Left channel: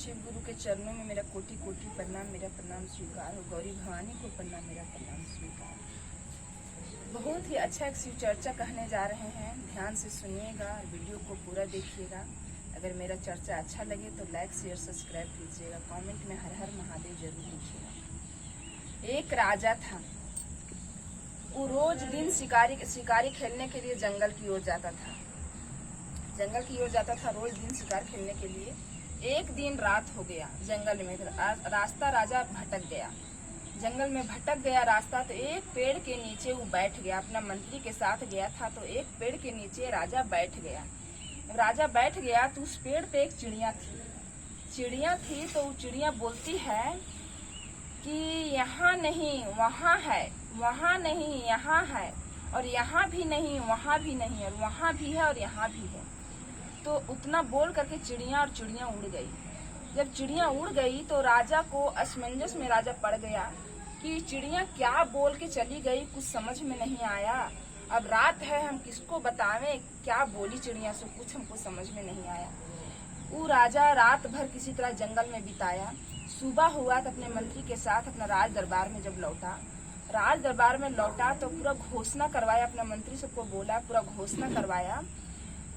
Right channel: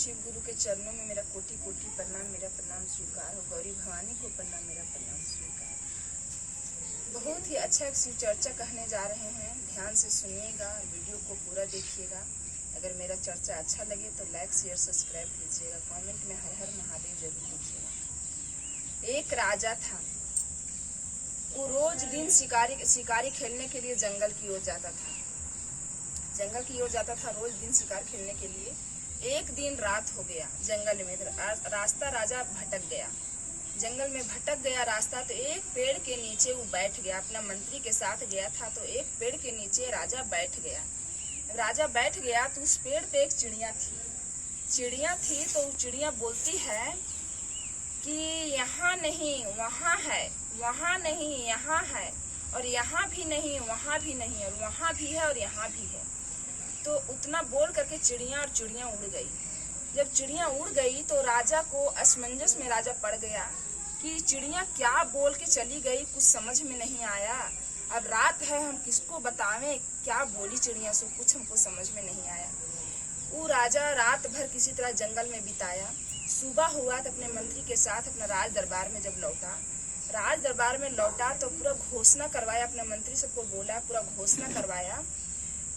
शिव गुरु के चरणों में मेरा कोटि कोटि प्रणाम, मेरा प्रणाम स्वीकार हो। गौरी भवानी को प्रणाम, मेरा प्रणाम स्वीकार। बहुत ही अच्छा एक शिव चर्चा कहने जा रहे हैं, ध्यान से सुनिएगा, वीडियो को पूरा देखिएगा। अगर मेरा चर्चा अच्छा लगे तो लाइक शेयर सब्सक्राइब कीजिएगा, कमेंट में हर हर महादेव जरूर लिखिएगा। एक राजा था, वो रोज दिन शिकारी खेलने के लिए जंगल की ओर जाता था। रोज दिन शिकार खेलने के लिए। एक दिन रात हो गया, जंगल में रास्ता राजा भटक गया। जंगल में भटक गया रास्ता, तो एक पेड़ के नीचे वो बैठ गया। अपना मंत्री के साथ गया था, तो एक पेड़ के नीचे राजा बैठ गया। राजा बैठ गया तो उस पेड़ पे एक चिड़िया थी। तो वो चिड़िया बोलती है कि यहाँ नहीं वहाँ है, वहाँ नहीं यहाँ है, और यहाँ भी नहीं वहाँ भी नहीं, और वहाँ भी है और यहाँ भी है। तो उतना बोल करके चिड़िया उड़ गई। जब चिड़िया उड़ गई तो राजा को असमंजस में राजा पड़ गया कि चिड़िया क्या बोल के चली गई, कुछ समझ में नहीं आया। अब रात है, हम किसको बतावें क्या बोली चिड़िया, सो कुछ हमको समझ में नहीं आया। वो राजा रात भर किसी तरह जंगल में बिताया। सुबह हुआ तो अपने मंत्री के साथ अपना राज दरबार में जब लौटा, तो पूरा घोषणा करवाया। अपने मंत्री सबको बोला, पूरा घोषणा करवाया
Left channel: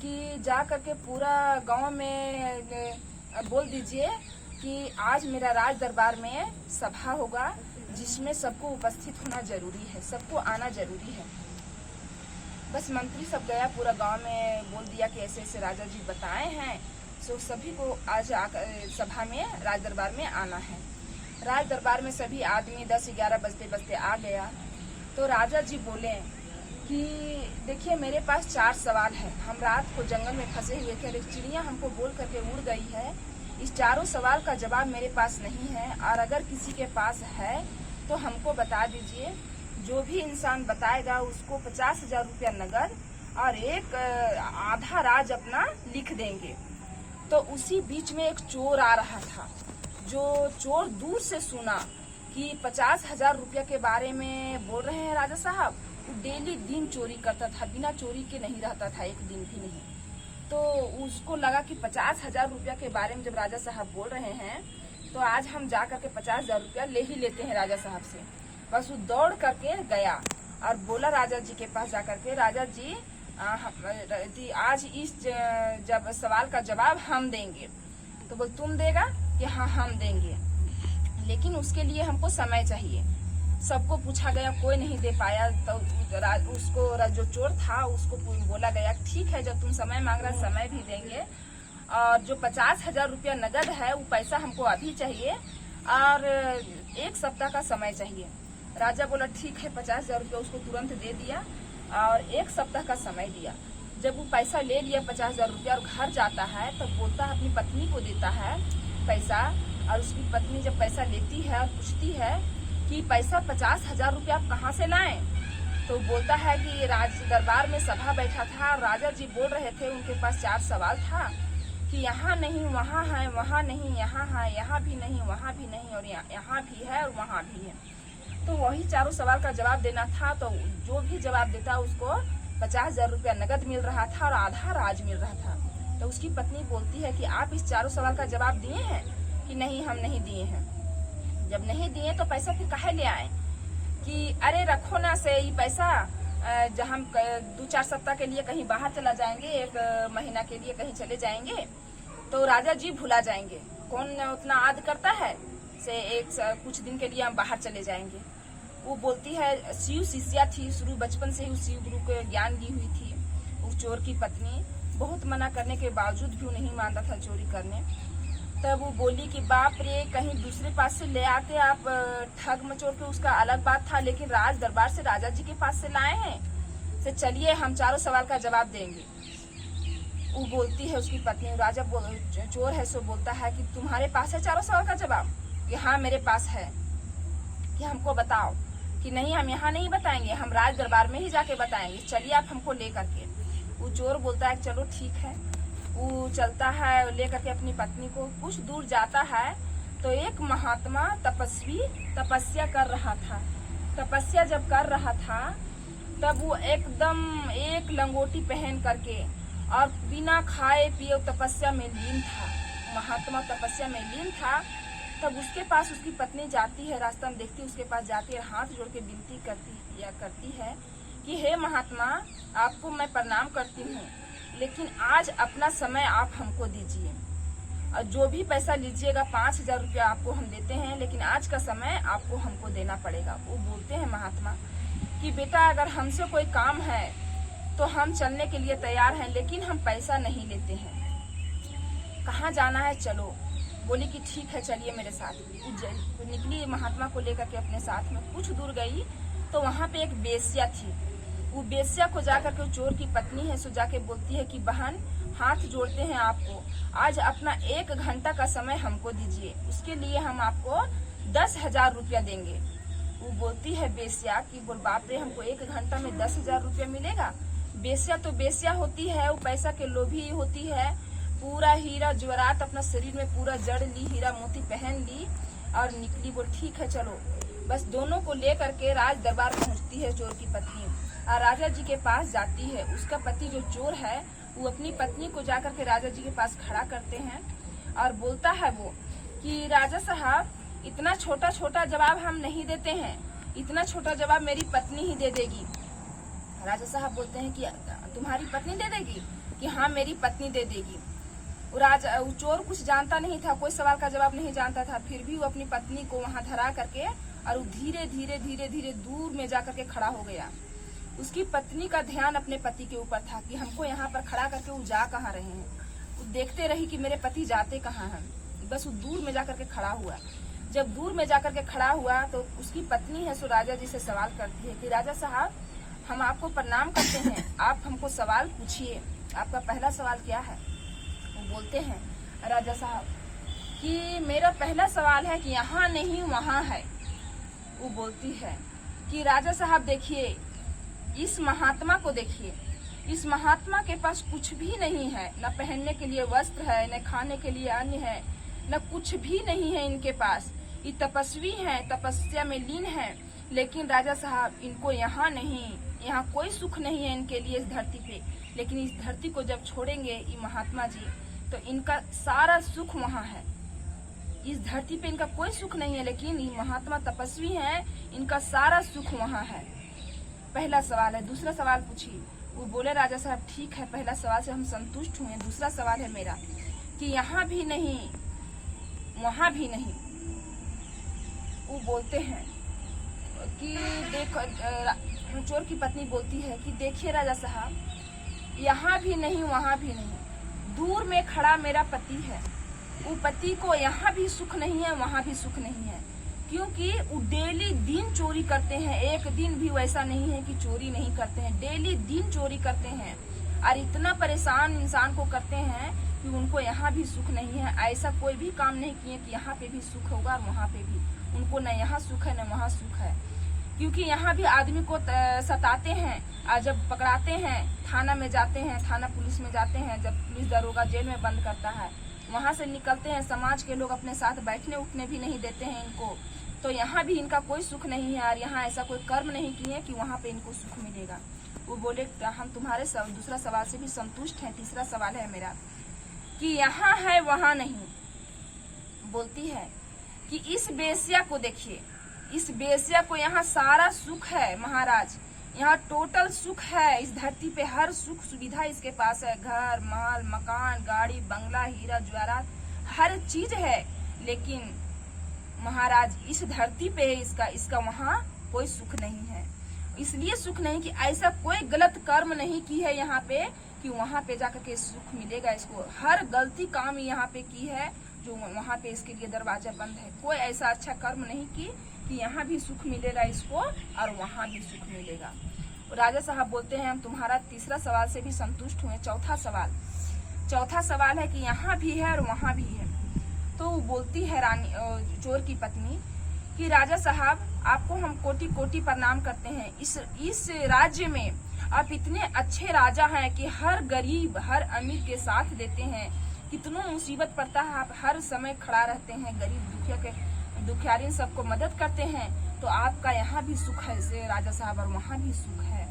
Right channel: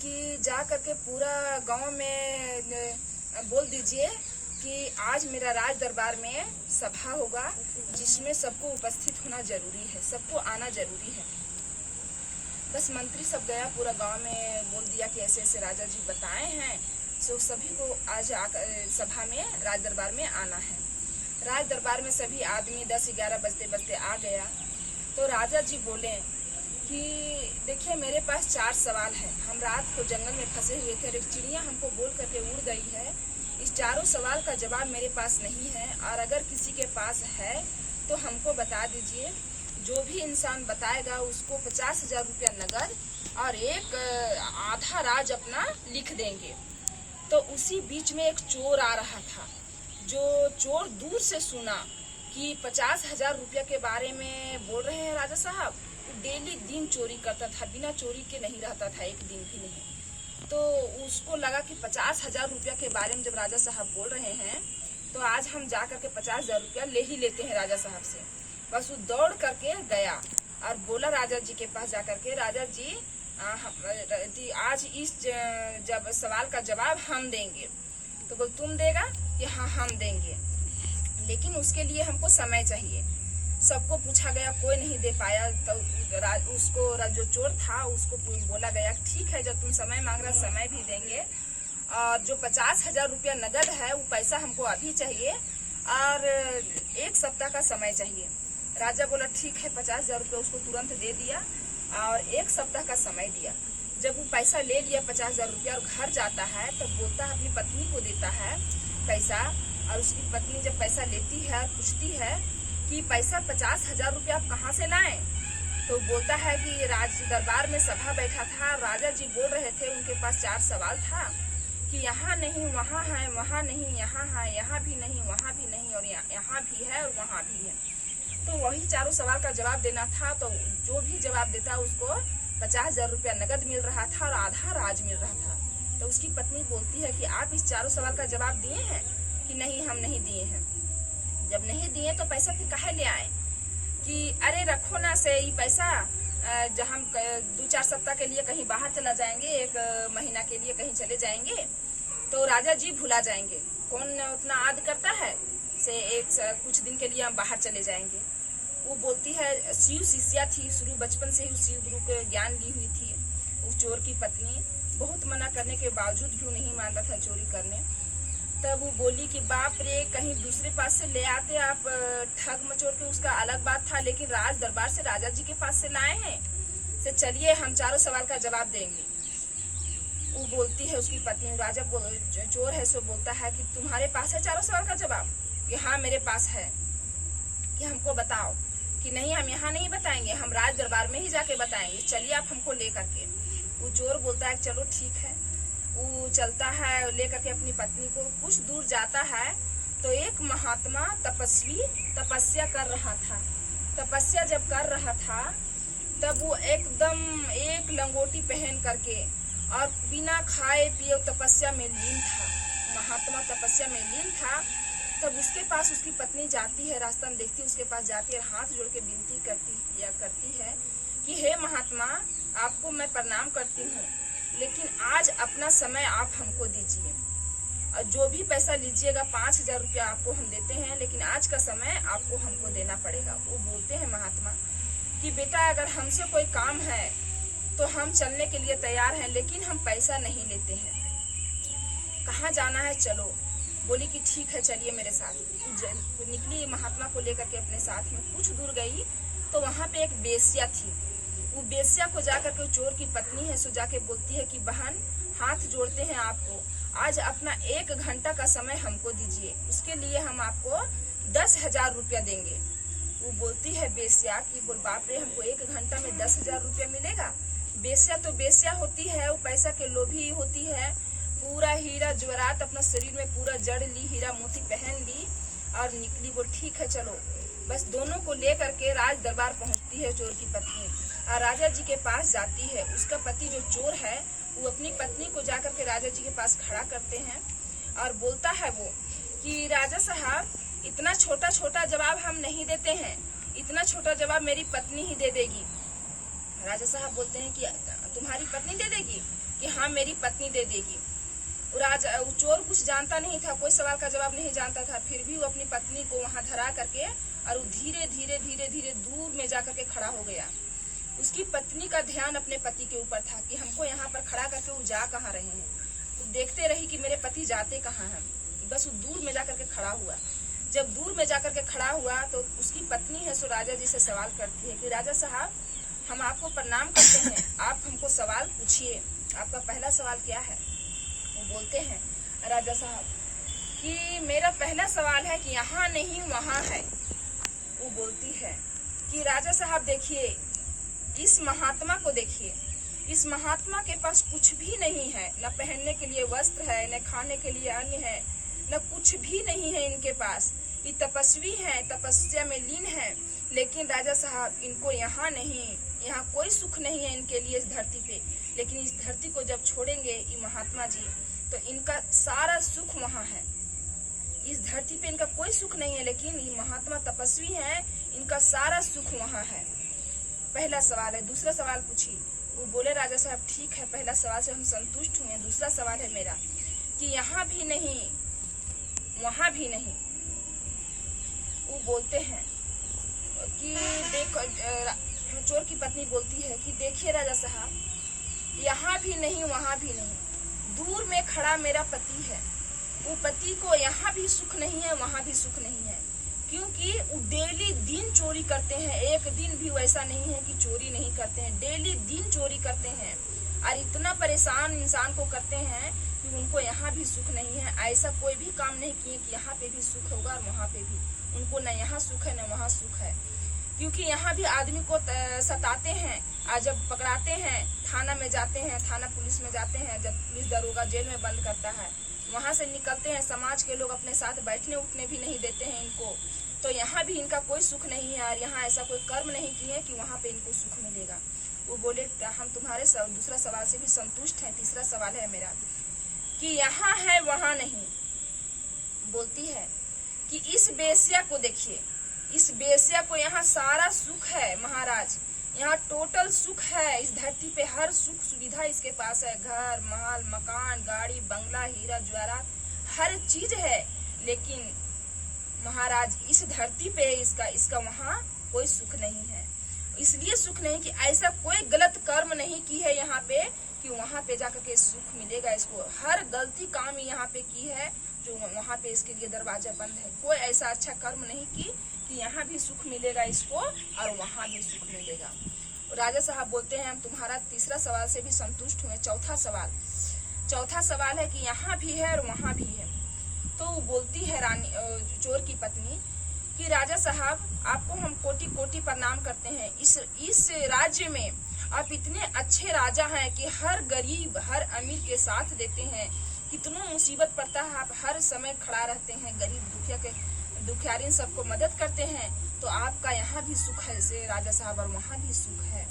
कि जा करके पूरा गांव में बोल दीजिए कि आज मेरा राज दरबार में सभा होगा, जिसमें सबको उपस्थित होना जरूरी है, सबको आना जरूरी है। बस मंत्री सब गया, पूरा गांव में बोल दिया कि ऐसे ऐसे राजा जी बताए हैं, सो सभी को आज सभा में राज दरबार में आना है। राज दरबार में सभी आदमी 10-11 बजते आ गया। तो राजा जी बोले कि देखिए मेरे पास 4 सवाल है। हम रात को जंगल में फंसे हुए थे और एक चिड़िया हमको बोल करके उड़ गई है। इस चारों सवाल का जवाब मेरे पास नहीं है, और अगर किसी के पास है तो हमको बता दीजिए। जो भी इंसान बताएगा उसको 50,000 रुपया नगद और एक आधा राज अपना लिख देंगे। तो उसी बीच में एक चोर आ रहा था। जो चोर दूर से सुना कि 50,000 रुपया के बारे में बोल रहे हैं राजा साहब, डेली दिन चोरी करता था, बिना चोरी के नहीं रहता था, एक दिन भी नहीं। तो उसको लगा कि 50,000 रुपया के बारे में जब राजा साहब बोल रहे हैं तो आज हम जा करके 50,000 रुपया ले ही लेते हैं राजा साहब से। बस वो दौड़ करके गया और बोला राजा जी के पास जा करके, राजा जी आज इस जब सवाल का जवाब हम देंगे। तो बोल तुम देगा कि हाँ हम देंगे, लेकिन उसके लिए हमको समय चाहिए। सबको पूछा गया, कोई नहीं दे पाया। तो उसको जो चोर था उसको बोला गया ठीक है, जब तुम समय मांग रहा समय भी देंगे, और जो 50,000 रुपया नगद है वो पैसा हमको अभी चाहिए और 1 सप्ताह का समय चाहिए। राजा बोला ठीक है, 50,000 रुपया उसको तुरंत दे दिया और 1 सप्ताह का समय दिया। जब वो पैसा ले लिया 50,000 रुपया और घर जाता है तो बोलता है, अपनी पत्नी को देता है पैसा, और उसकी पत्नी जब पैसा लेती है पूछती है कि पैसा 50,000 रुपया आप कहाँ से लाएं? तो बोलता है कि राज दरबार में सभा बैठा था, राजा जी बोल रहे थे, उनके पास 4 सवाल था कि यहाँ नहीं वहाँ है, वहाँ नहीं यहाँ है, यहाँ भी नहीं वहाँ भी नहीं, और यहाँ भी है और वहाँ भी है। तो वही चारों सवाल का जवाब देना था। तो जो भी जवाब देता उसको 50,000 रुपया नगद मिल रहा था और आधा राज मिल रहा था। तो उसकी पत्नी बोलती है कि आप इस चारों सवाल का जवाब दिए हैं कि नहीं, हम नहीं दिए हैं। जब नहीं दिए तो पैसा फिर काहे ले आए? कि अरे रखो ना से ये पैसा, जब हम 2-4 सप्ताह के लिए कहीं बाहर चला जाएंगे, 1 महीना के लिए कहीं चले जाएंगे तो राजा जी भुला जाएंगे। कौन उतना आद करता है से कुछ दिन के लिए हम बाहर चले जाएंगे। वो बोलती है, शिव शिष्या थी, शुरू बचपन से ही शिव गुरु को ज्ञान दी हुई थी। वो चोर की पत्नी बहुत मना करने के बावजूद भी वो नहीं मानता था चोरी करने। तब वो बोली कि बाप रे, कहीं दूसरे पास से ले आते आप ठग मचोर के, उसका अलग बात था, लेकिन राज दरबार से राजा जी के पास से लाए हैं, से चलिए हम चारों सवाल का जवाब देंगे। वो बोलती है उसकी पत्नी, राजा चोर है सो बोलता है कि तुम्हारे पास है चारों सवाल का जवाब? कि हाँ मेरे पास है। कि हमको बताओ। कि नहीं, हम यहाँ नहीं बताएंगे, हम राज दरबार में ही जाके बताएंगे, चलिए आप हमको ले करके। वो चोर बोलता है चलो ठीक है। वो चलता है लेकर के अपनी पत्नी को। कुछ दूर जाता है तो एक महात्मा तपस्वी तपस्या कर रहा था। तपस्या जब कर रहा था तब वो एकदम एक लंगोटी पहन करके और बिना खाए पिए तपस्या में लीन था। महात्मा तपस्या में लीन था, तब उसके पास उसकी पत्नी जाती है, रास्ता में देखती है उसके पास जाती है, हाथ जोड़ के विनती करती है कि हे महात्मा, आपको मैं प्रणाम करती हूँ, लेकिन आज अपना समय आप हमको दीजिए और जो भी पैसा लीजिएगा 5,000 रुपया आपको हम देते हैं, लेकिन आज का समय आपको हमको देना पड़ेगा। वो बोलते हैं महात्मा कि बेटा, अगर हमसे कोई काम है तो हम चलने के लिए तैयार हैं, लेकिन हम पैसा नहीं लेते हैं। कहाँ जाना है, चलो। बोली कि ठीक है, चलिए मेरे साथ। वो निकली महात्मा को लेकर के अपने साथ में। कुछ दूर गई तो वहाँ पे एक बेश्या थी। वो बेश्या को जाकर के, चोर की पत्नी है, सो जाके बोलती है कि बहन, हाथ जोड़ते हैं आपको, आज अपना 1 घंटा का समय हमको दीजिए, उसके लिए हम आपको 10,000 रुपया देंगे। वो बोलती है बेश्या कि बोल बाप रे, हमको 1 घंटा में 10,000 रुपया मिलेगा। बेश्या तो बेश्या होती है, वो पैसा के लोभी होती है। पूरा हीरा जवाहरात अपना शरीर में पूरा जड़ ली, हीरा मोती पहन ली और निकली। बोल ठीक है चलो। बस दोनों को लेकर के राज दरबार पहुंचती है चोर की पत्नी और राजा जी के पास जाती है। उसका पति जो चोर है वो अपनी पत्नी को जाकर के राजा जी के पास खड़ा करते हैं और बोलता है वो कि राजा साहब, इतना छोटा छोटा जवाब हम नहीं देते हैं, इतना छोटा जवाब मेरी पत्नी ही दे देगी। राजा साहब बोलते हैं कि तुम्हारी पत्नी दे देगी? कि हाँ, मेरी पत्नी दे देगी। वो चोर कुछ जानता नहीं था, कोई सवाल का जवाब नहीं जानता था, फिर भी वो अपनी पत्नी को वहां धरा करके और वो धीरे धीरे धीरे धीरे दूर में जाकर के खड़ा हो गया। उसकी पत्नी का ध्यान अपने पति के ऊपर था कि हमको यहाँ पर खड़ा करके वो जा कहाँ रहे हैं। वो देखते रही कि मेरे पति जाते कहाँ हैं। बस वो दूर में जाकर के खड़ा हुआ। जब दूर में जाकर के खड़ा हुआ तो उसकी पत्नी है सो राजा जी से सवाल करती है कि राजा साहब, हम आपको प्रणाम करते हैं, आप हमको सवाल पूछिए, आपका पहला सवाल क्या है? वो बोलते हैं राजा साहब कि मेरा पहला सवाल है कि यहाँ नहीं वहाँ है। वो बोलती है कि राजा साहब देखिए, इस महात्मा को देखिए, इस महात्मा के पास कुछ भी नहीं है, न पहनने के लिए वस्त्र है, न खाने के लिए अन्न है, न कुछ भी नहीं है इनके पास। ये तपस्वी हैं, तपस्या में लीन है, लेकिन राजा साहब इनको यहाँ नहीं, यहाँ कोई सुख नहीं है इनके लिए इस धरती पे। लेकिन इस धरती को जब छोड़ेंगे ये महात्मा जी तो इनका सारा सुख वहाँ है। इस धरती पे इनका कोई सुख नहीं है, लेकिन ये महात्मा तपस्वी हैं, इनका सारा सुख वहाँ है। पहला सवाल है। दूसरा सवाल पूछिए। वो बोले राजा साहब ठीक है, पहला सवाल से हम संतुष्ट हुए। दूसरा सवाल है मेरा कि यहाँ भी नहीं वहाँ भी नहीं। वो बोलते हैं कि देखो, चोर की पत्नी बोलती है कि देखिए राजा साहब, यहाँ भी नहीं वहाँ भी नहीं, दूर में खड़ा मेरा पति है। वो पति को यहाँ भी सुख नहीं है, वहाँ भी सुख नहीं है, क्योंकि वो डेली दिन चोरी करते हैं। एक दिन भी वैसा नहीं है कि चोरी नहीं करते हैं, डेली दिन चोरी करते हैं और इतना परेशान इंसान को करते हैं कि उनको यहाँ भी सुख नहीं है। ऐसा कोई भी काम नहीं किए कि यहाँ पे भी सुख होगा और वहाँ पे भी। उनको न यहाँ सुख है न वहाँ सुख है, क्योंकि यहाँ भी आदमी को सताते हैं और जब पकड़ाते हैं, थाना में जाते हैं, थाना पुलिस में जाते हैं, जब पुलिस दरोगा जेल में बंद करता है, वहाँ से निकलते हैं, समाज के लोग अपने साथ बैठने उठने भी नहीं देते हैं इनको। तो यहाँ भी इनका कोई सुख नहीं है और यहाँ ऐसा कोई कर्म नहीं किए कि वहाँ पे इनको सुख मिलेगा। वो बोले हम तुम्हारे दूसरा सवाल से भी संतुष्ट हैं। तीसरा सवाल है मेरा कि यहाँ है वहाँ नहीं। बोलती है कि इस बेश्या को देखिए, इस बेश्या को यहाँ सारा सुख है महाराज, यहाँ टोटल सुख है। इस धरती पे हर सुख सुविधा इसके पास है, घर माल मकान गाड़ी बंगला हीरा जवाहरात हर चीज है, लेकिन महाराज इस धरती पे इसका वहाँ कोई सुख नहीं है। इसलिए सुख नहीं कि ऐसा कोई गलत कर्म नहीं की है यहाँ पे कि वहाँ पे जाकर के सुख मिलेगा इसको। हर गलती काम यहाँ पे की है जो वहाँ पे इसके लिए दरवाजा बंद है। कोई ऐसा अच्छा कर्म नहीं की कि यहाँ भी सुख मिलेगा इसको और वहाँ भी सुख मिलेगा। राजा साहब बोलते हैं हम तुम्हारा तीसरा सवाल से भी संतुष्ट हुए। चौथा सवाल है कि यहाँ भी है और वहाँ भी है। तो वो बोलती है रानी चोर की पत्नी कि राजा साहब आपको हम कोटि कोटि प्रणाम करते हैं। इस राज्य में आप इतने अच्छे राजा हैं कि हर गरीब हर अमीर के साथ देते हैं। कितना मुसीबत पड़ता है आप हर समय खड़ा रहते हैं, गरीब दुखियारी सबको मदद करते हैं। तो आपका यहाँ भी सुख है से राजा साहब और वहाँ भी सुख है।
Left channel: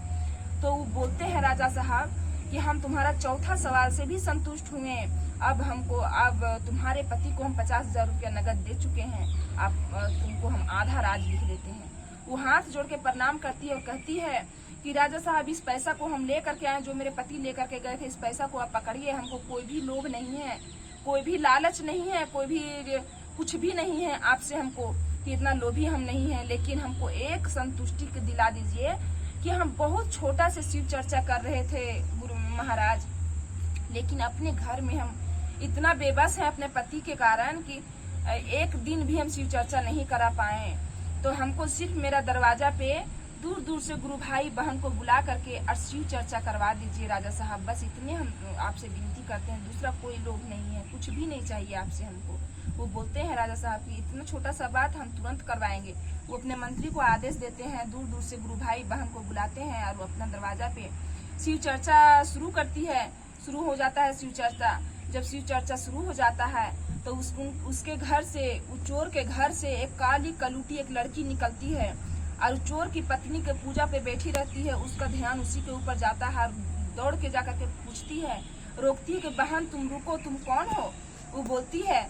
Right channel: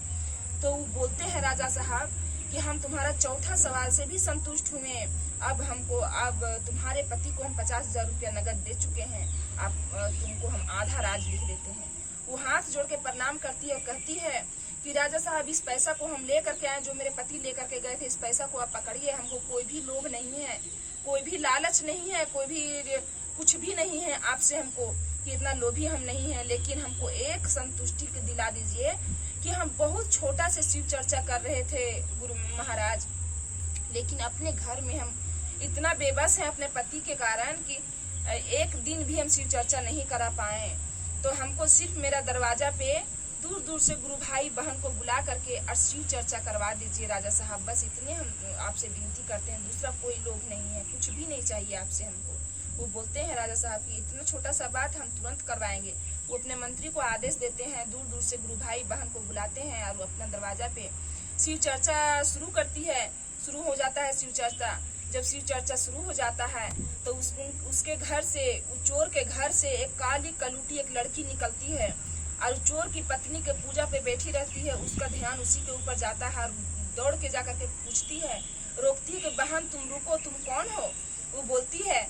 तो वो बोलते हैं राजा साहब कि हम तुम्हारा चौथा सवाल से भी संतुष्ट हुए। अब तुम्हारे पति को हम 50,000 रुपया नगद दे चुके हैं। तुमको हम आधा राज लिख देते हैं। वो हाथ जोड़ के प्रणाम करती है और कहती है कि राजा साहब, इस पैसा को हम लेकर के आए, जो मेरे पति लेकर के गए थे, इस पैसा को आप पकड़िए। हमको कोई भी लोभ नहीं है, कोई भी लालच नहीं है, कोई भी कुछ भी नहीं है आपसे हमको कि इतना लोभी हम नहीं है। लेकिन हमको एक संतुष्टि दिला दीजिए कि हम बहुत छोटा से शिव चर्चा कर रहे थे गुरु महाराज, लेकिन अपने घर में हम इतना बेबस है अपने पति के कारण कि एक दिन भी हम शिव चर्चा नहीं करा पाए। तो हमको सिर्फ मेरा दरवाजा पे दूर दूर से गुरु भाई बहन को बुला करके और शिव चर्चा करवा दीजिए राजा साहब। बस इतने हम आपसे विनती करते हैं, दूसरा कोई लोभ नहीं है, कुछ भी नहीं चाहिए आपसे हमको। वो बोलते हैं राजा साहब की इतना छोटा सा बात हम तुरंत करवाएंगे। वो अपने मंत्री को आदेश देते हैं, दूर दूर से गुरु भाई बहन को बुलाते हैं और वो अपना दरवाजा पे शिव चर्चा शुरू करती है। शुरू हो जाता है शिव चर्चा। जब शिव चर्चा शुरू हो जाता है तो उसके घर से, उस चोर के घर से एक काली कलूटी एक लड़की निकलती है और चोर की पत्नी के पूजा पे बैठी रहती है। उसका ध्यान उसी के ऊपर जाता है और दौड़ के जाकर के पूछती है, रोकती है कि बहन तुम रुको, तुम कौन हो? वो बोलती है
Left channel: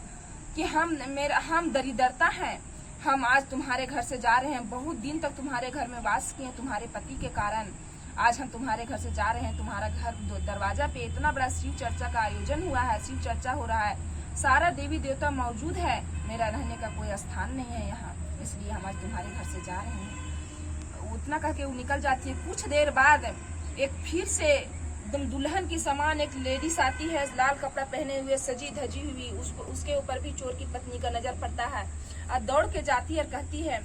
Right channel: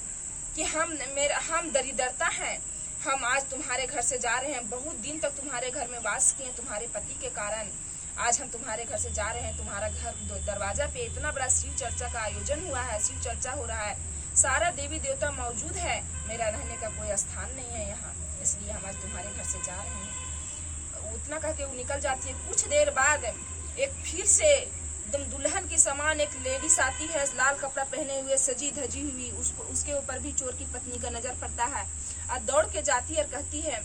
कि हम दरिद्रता हैं, हम आज तुम्हारे घर से जा रहे हैं। बहुत दिन तक तुम्हारे घर में वास किए तुम्हारे पति के कारण, आज हम तुम्हारे घर से जा रहे हैं। तुम्हारा घर दरवाजा पे इतना बड़ा शिव चर्चा का आयोजन हुआ है, शिव चर्चा हो रहा है, सारा देवी देवता मौजूद है, मेरा रहने का कोई स्थान नहीं है यहाँ, इसलिए हम आज तुम्हारे घर से जा रहे हैं। उतना कह के वो निकल जाती है। कुछ देर बाद एक फिर से एकदम दुल्हन की समान एक लेडीज आती है, लाल कपड़ा पहने हुए, सजी धजी हुई। उसके ऊपर भी चोर की पत्नी का नजर पड़ता है और दौड़ के जाती है और कहती है,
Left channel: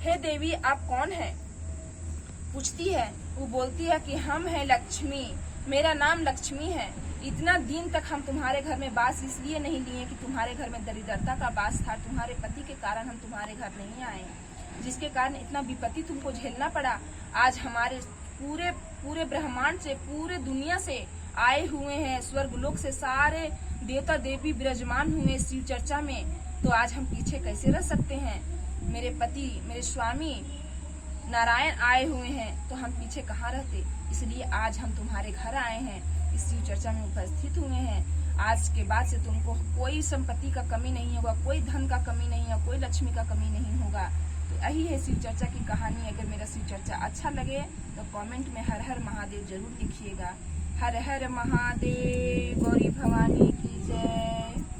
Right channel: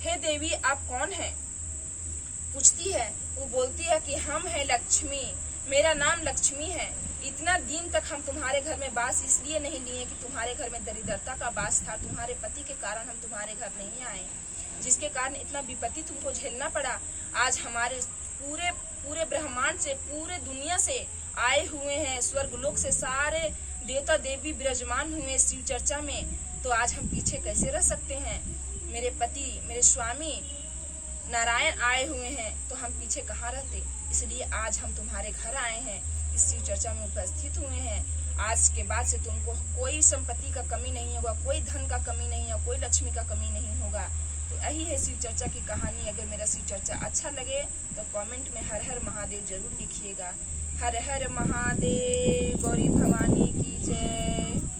हे देवी आप कौन है? पूछती है। वो बोलती है कि हम हैं लक्ष्मी, मेरा नाम लक्ष्मी है। इतना दिन तक हम तुम्हारे घर में बास इसलिए नहीं लिए कि तुम्हारे घर में दरिद्रता का बास था, तुम्हारे पति के कारण हम तुम्हारे घर नहीं आए, जिसके कारण इतना विपत्ति तुमको झेलना पड़ा। आज हमारे पूरे ब्रह्मांड से, पूरे दुनिया से आए हुए हैं, स्वर्गलोक से सारे देवता देवी विराजमान हुए शिव चर्चा में, तो आज हम पीछे कैसे रह सकते हैं? मेरे पति, मेरे स्वामी नारायण आए हुए हैं, तो हम पीछे कहाँ रहते? इसलिए आज हम तुम्हारे घर आए हैं, इस शिव चर्चा में उपस्थित हुए हैं। आज के बाद से तुमको कोई संपत्ति का कमी नहीं होगा, कोई धन का कमी नहीं है, कोई लक्ष्मी का कमी नहीं होगा। तो यही है शिव चर्चा की कहानी। अगर मेरा शिव चर्चा अच्छा लगे तो कमेंट में हर हर महादेव जरूर लिखिएगा। हर हर महादेव, गौरी भवानी की जय।